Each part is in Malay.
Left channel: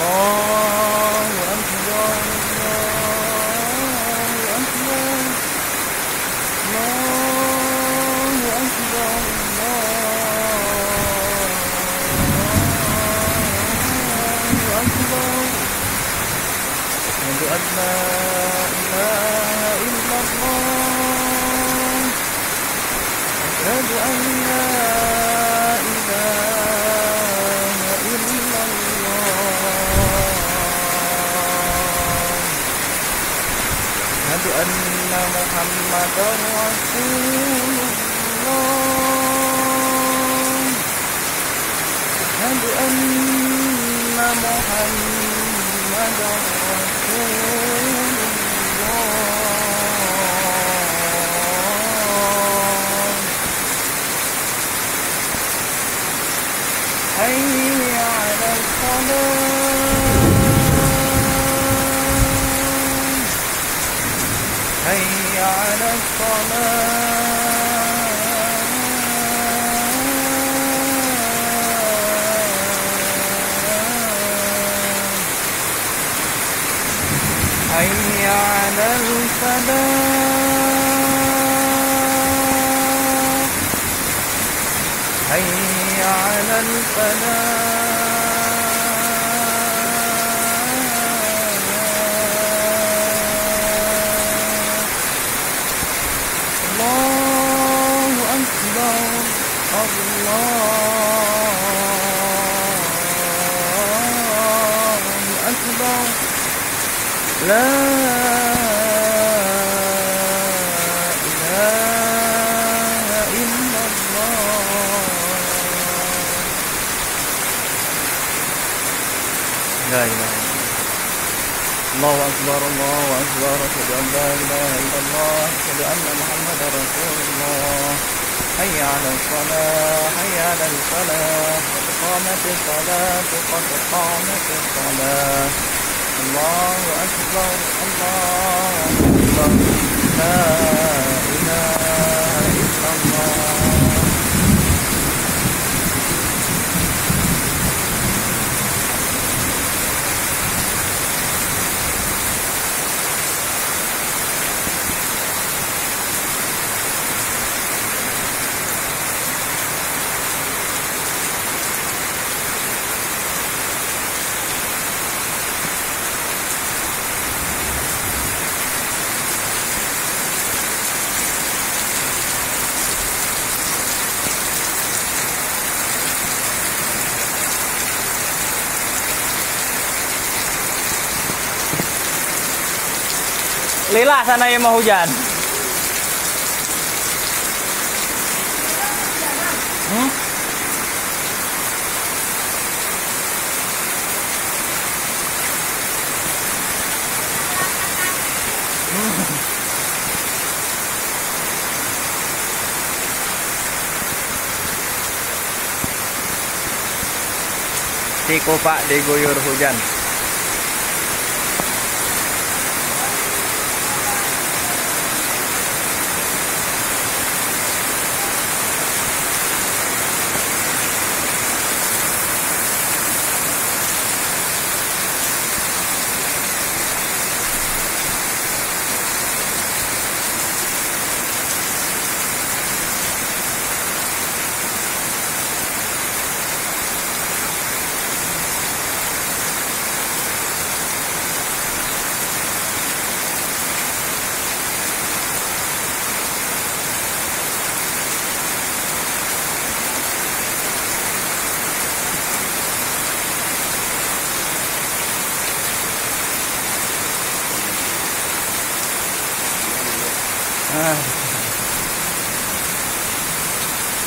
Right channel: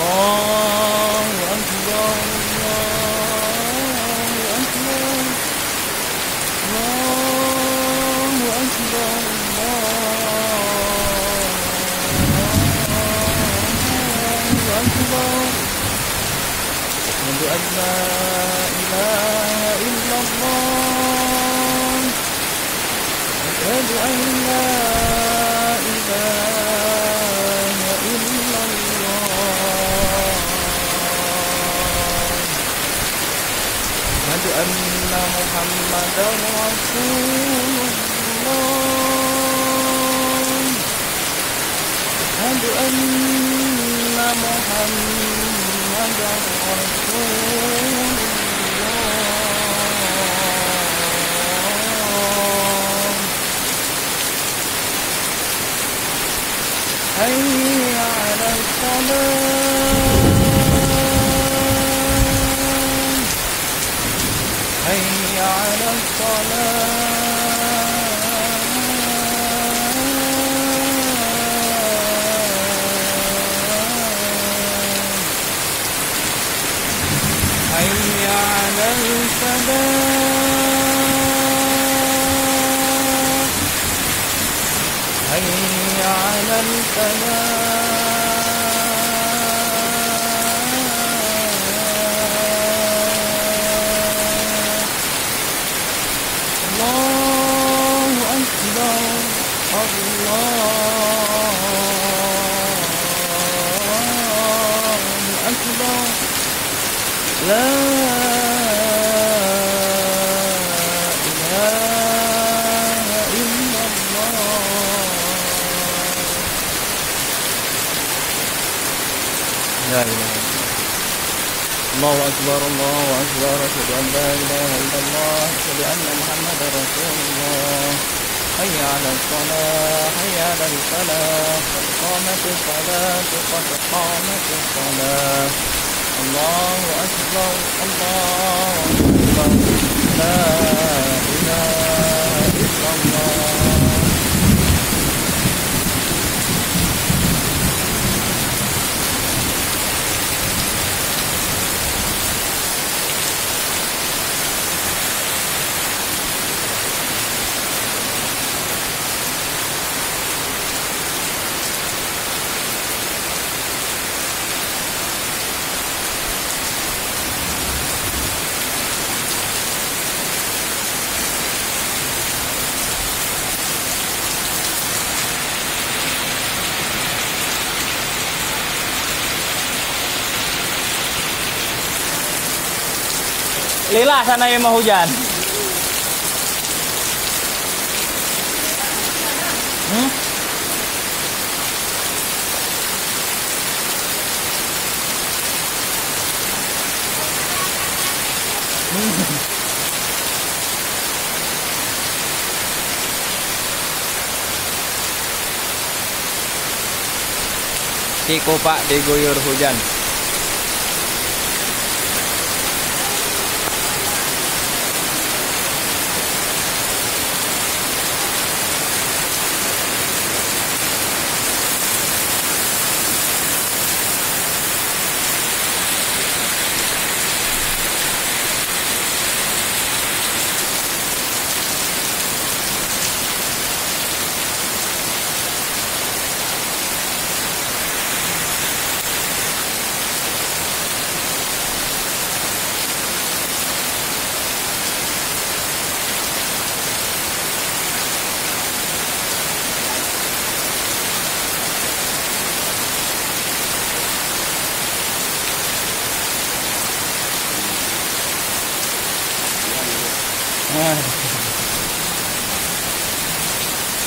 الله أكبر الله أكبر الله أكبر الله أكبر أشهد أن لا إله إلا الله أشهد أن لا إله إلا الله أشهد أن محمدا رسول الله أشهد أن محمدا رسول الله حي على الصلاة حي على الصلاة حي على الفلاح حي على الفلاح الله أكبر الله أكبر لا إله إلا الله لا إله الله أكبر الله أكبر أشهد أن لا إله إلا الله أشهد أن محمدا رسول الله حي على الصلاة حي على الفلاح قد قامت الصلاة قد قامت الصلاة الله أكبر الله أكبر لا إله إلا الله Lila sana yang mau hujan. Si kopak diguyur hujan.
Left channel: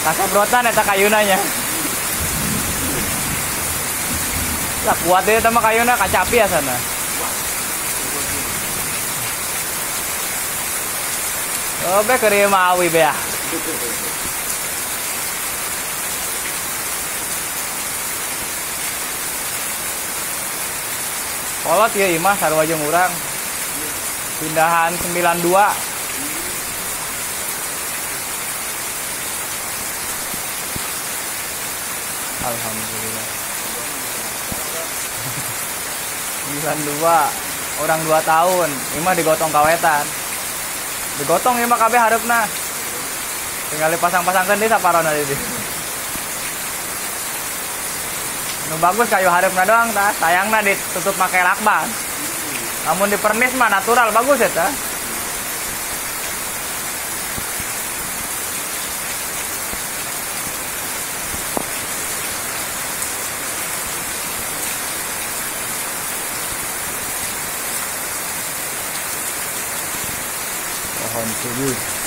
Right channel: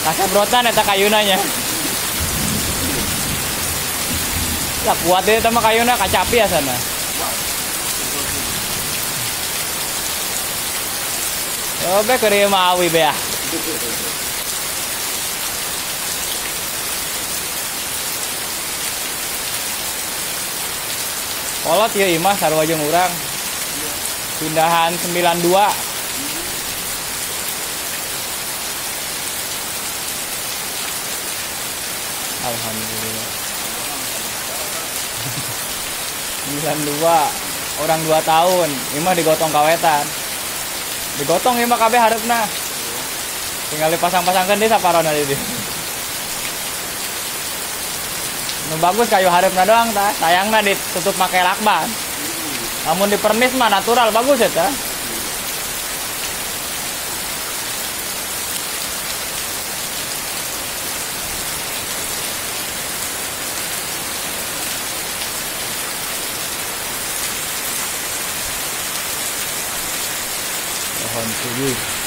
Kasabrotan eta kayunanya. Lah kuat deh sama kayuna kacapi ya sana. Oke kiri mawi bea. Kolot ya imah sarua jeung urang. Pindahan 92. Alhamdulillah. 92 orang 2 tahun ini mah digotong kawetan digotong ini mah kabeh harapna tinggal dipasang-pasangkan di saparona itu nu bagus kayu harapna doang tah sayangna ditutup make lakban namun di pernis mah natural bagus ya tah pohon tujuh